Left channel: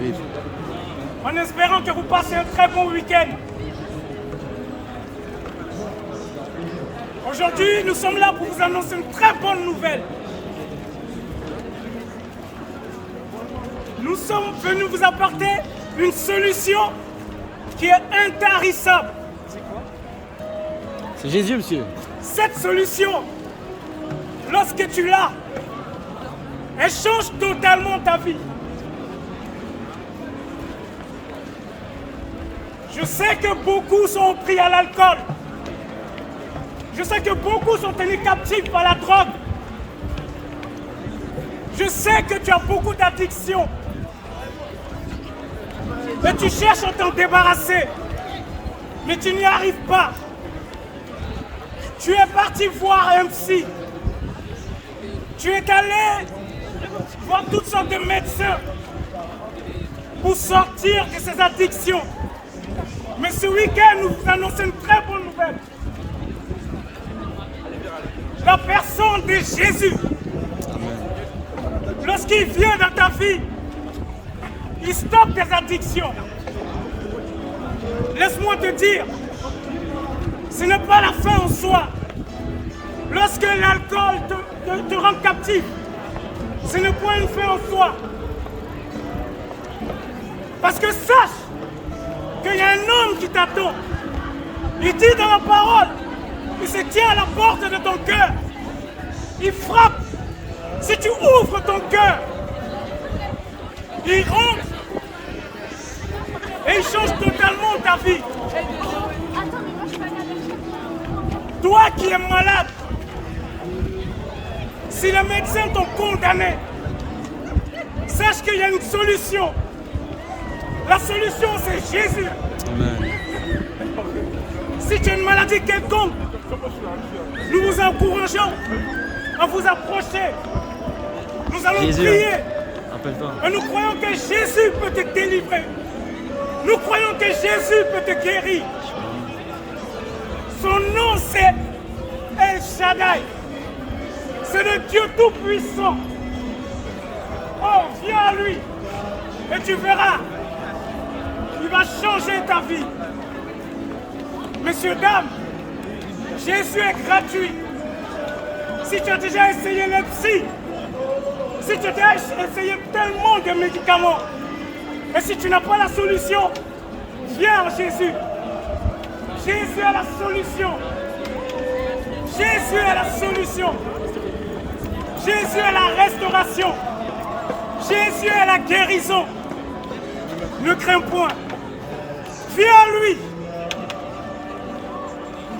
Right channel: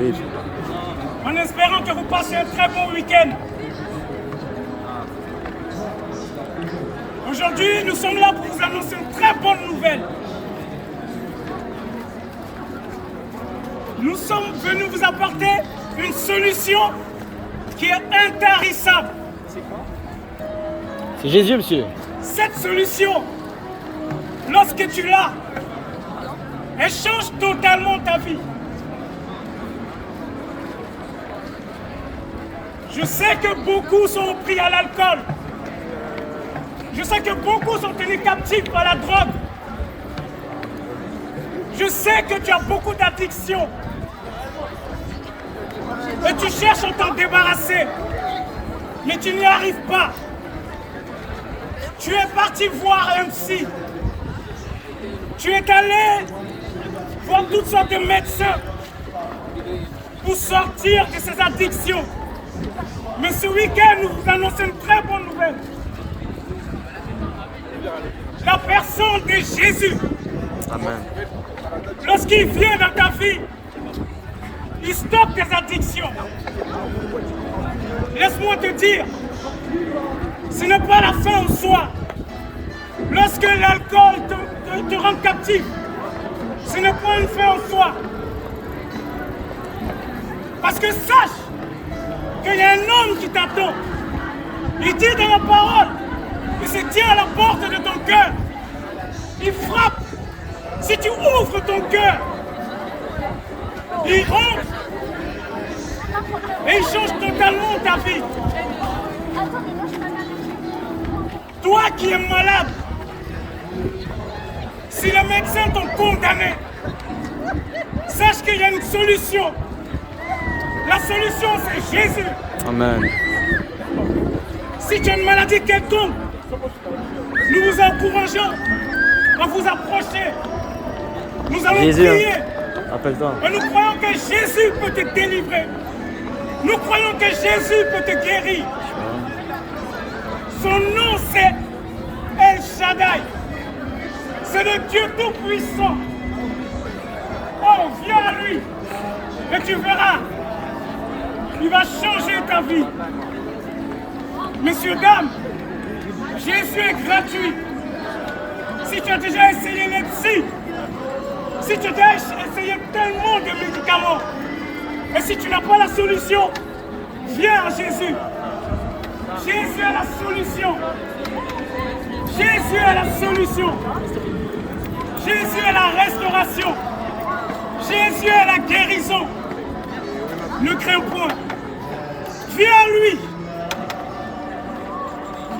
Oui. En espérant que vous passiez un très bon week-end. Aujourd'hui, nous sommes là pour vous annoncer une très bonne nouvelle. Nous sommes venus vous apporter une solution qui est intarissable. C'est Jésus, monsieur. Cette solution, lorsque tu l'as, elle change totalement ta vie. Je sais que beaucoup sont pris à l'alcool. Je sais que beaucoup sont tenus captifs par la drogue. Je sais que tu as beaucoup d'addictions. Et tu cherches à t'en débarrasser. Mais tu n'y arrives pas. Tu es parti voir un psy. Tu es allé voir toutes sortes de médecins pour sortir de ces addictions. Mais ce week-end, nous vous annonçons une très bonne nouvelle. La personne de Jésus. Amen. Lorsqu'il vient dans ta vie, il stoppe tes addictions. Laisse-moi te dire, ce n'est pas la fin en soi. Lorsque l'alcool te rend captif, ce n'est pas une fin en soi. Parce que sache qu'il y a un homme qui t'attend. Il dit dans la parole, il se tient à la porte de ton cœur. Il frappe. Si tu ouvres ton cœur, il rentre et il change totalement ta vie. Toi qui es malade, si les médecins t'ont condamné, sache qu'il y a une solution. La solution, c'est Jésus. Amen. Si tu as une maladie quelconque, nous vous encourageons à vous approcher. Nous allons Jésus, prier. appelle-toi. Et nous croyons que Jésus peut te délivrer. Nous croyons que Jésus peut te guérir. Son nom, c'est El Shaddai. C'est le Dieu Tout-Puissant. Oh, viens à lui. Et tu verras. Il va changer ta vie. Messieurs, dames, Jésus est gratuit. Si tu as déjà essayé les psy, si tu as déjà essayé tellement de médicaments, et si tu n'as pas la solution, viens à Jésus. Jésus est la solution. Jésus est la solution. Jésus est la restauration. Jésus est la guérison. Ne crains point. Viens à lui.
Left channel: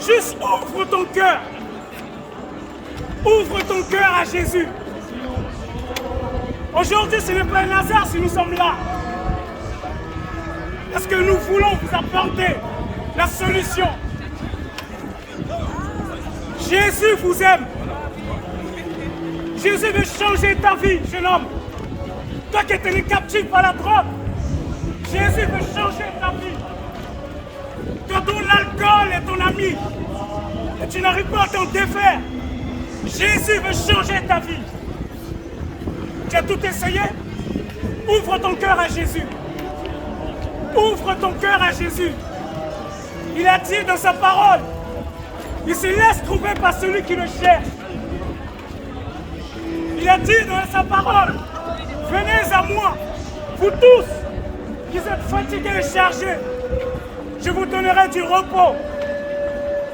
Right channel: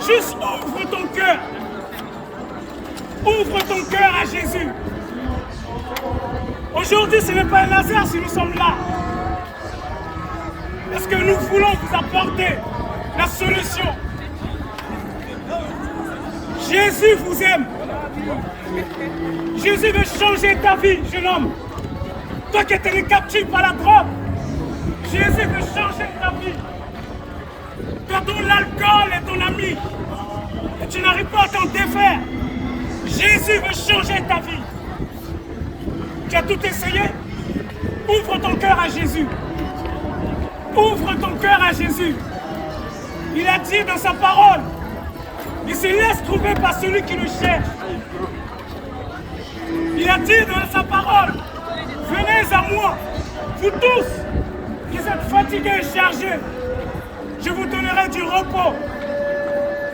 Juste ouvre ton cœur. Ouvre ton cœur à Jésus. Aujourd'hui, ce n'est pas un hasard si nous sommes là. Parce que nous voulons vous apporter la solution. Jésus vous aime. Jésus veut changer ta vie, jeune homme. Toi qui es captif par la drogue, Jésus veut changer ta vie. Toi dont l'alcool est ton ami et tu n'arrives pas à t'en défaire, Jésus veut changer ta vie. Tu as tout essayé? Ouvre ton cœur à Jésus. Ouvre ton cœur à Jésus. Il a dit dans sa parole, il se laisse trouver par celui qui le cherche. Il a dit dans sa parole, venez à moi, vous tous, qui êtes fatigués et chargés, je vous donnerai du repos.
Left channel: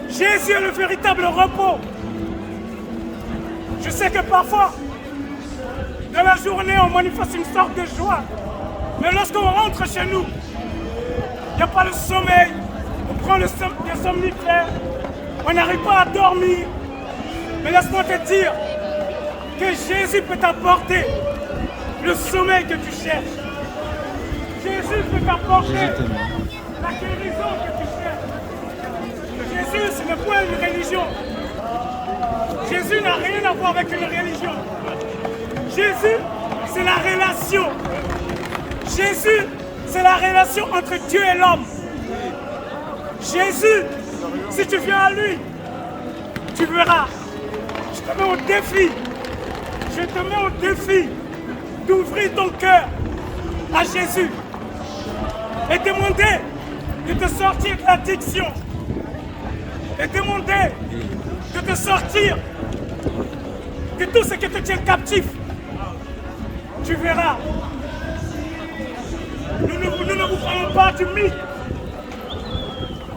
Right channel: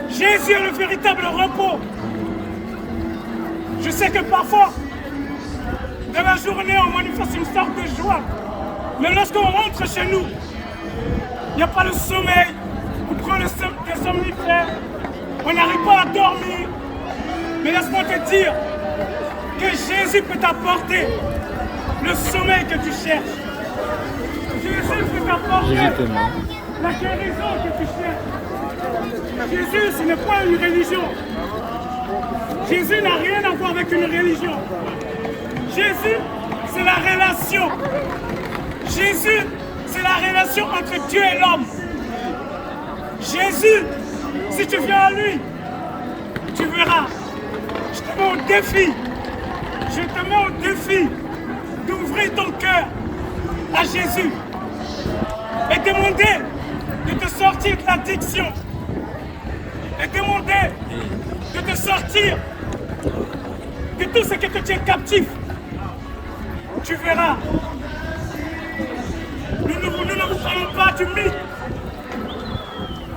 Jésus est le véritable repos. Je sais que parfois, dans la journée, on manifeste une sorte de joie. Mais lorsqu'on rentre chez nous, il n'y a pas le sommeil, on prend des somnifères, on n'arrive pas à dormir. Mais laisse-moi te dire que Jésus peut t'apporter le sommeil que tu cherches. Jésus peut t'apporter la guérison que tu cherches. Jésus, ce n'est pas une religion. Jésus n'a rien à voir avec une religion. Jésus, c'est la relation. Jésus, c'est la relation entre Dieu et l'homme. Jésus, si tu viens à lui, tu verras. Je te mets au défi. Je te mets au défi d'ouvrir ton cœur à Jésus et demander de te sortir de l'addiction et demander de te sortir de tout ce qui te tient captif, tu verras. Nous ne vous parlons pas de mythe.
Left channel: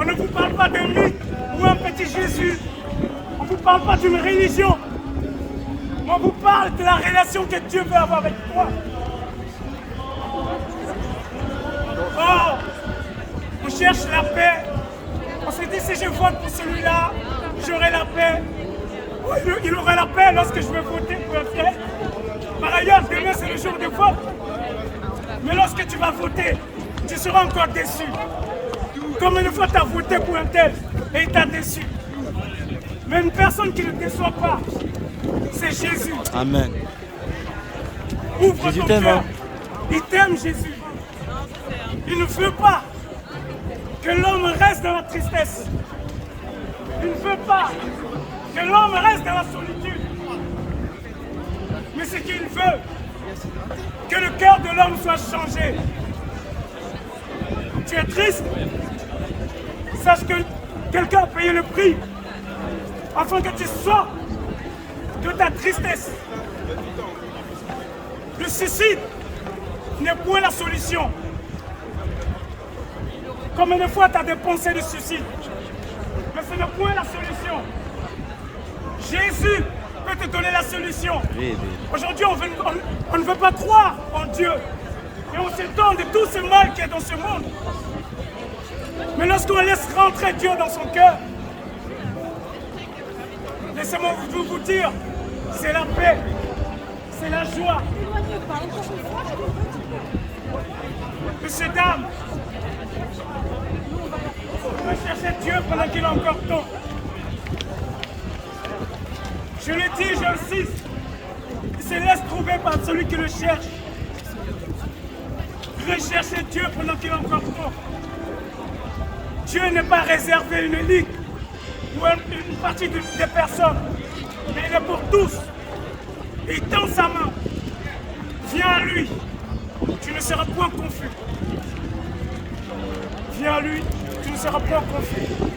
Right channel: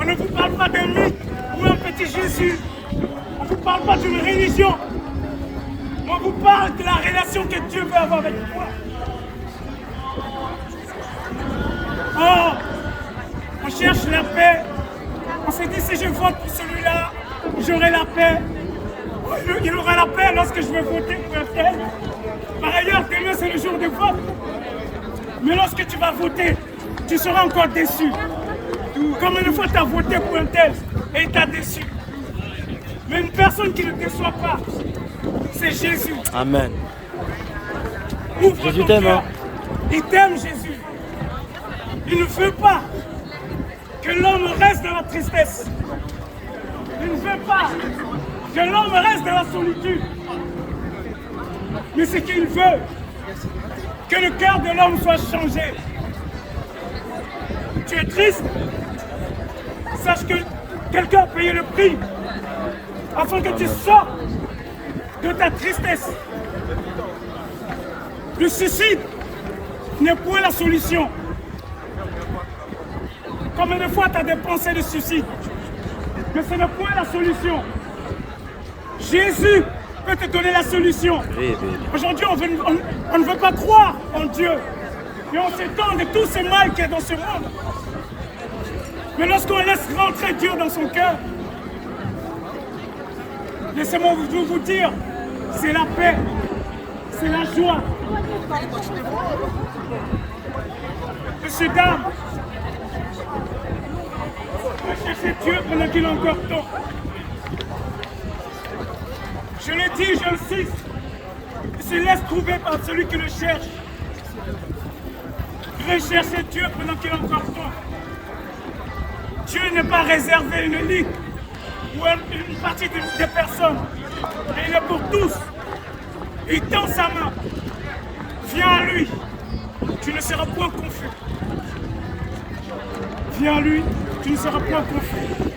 On ne vous parle pas d'un mythe ou un petit Jésus. On ne vous parle pas d'une religion. On vous parle de la relation que Dieu veut avoir avec toi. Oh, on cherche la paix. On se dit, si je vote pour celui-là, j'aurai la paix. Il aura la paix lorsque je vais voter pour un tel. Par ailleurs, demain, c'est le jour de vote. Mais lorsque tu vas voter, tu seras encore déçu. Comme une fois, tu as voté pour un tel et il t'a déçu. Mais une personne qui ne déçoit pas, c'est Jésus. Amen. Ouvre Jésus ton t'aime, cœur. hein? Il t'aime, Jésus. Il ne veut pas que l'homme reste dans la tristesse. Il ne veut pas que l'homme reste dans la solitude. Mais ce qu'il veut, que le cœur de l'homme soit changé. Tu es triste? Sache que quelqu'un a payé le prix afin que tu sortes de ta tristesse. Le suicide n'est point la solution. Combien de fois tu as des pensées de suicide? Mais ce n'est point la solution. Jésus peut te donner la solution. Aujourd'hui, on ne veut pas croire en Dieu. Mais on s'étonne de tout ce mal qui est dans ce monde. Mais lorsqu'on laisse rentrer Dieu dans son cœur, laissez-moi vous dire, c'est la paix, c'est la joie. Monsieur, dame, chercher Dieu pendant qu'il a encore temps. Je le dis, j'insiste, il se laisse trouver par celui qui le cherche. Recherchez Dieu pendant qu'il a encore temps. Dieu n'est pas réservé une élite ou une partie des personnes, mais il est pour tous. Il tend sa main. Viens à lui, tu ne seras point confus. Viens à lui, tu ne seras point confus.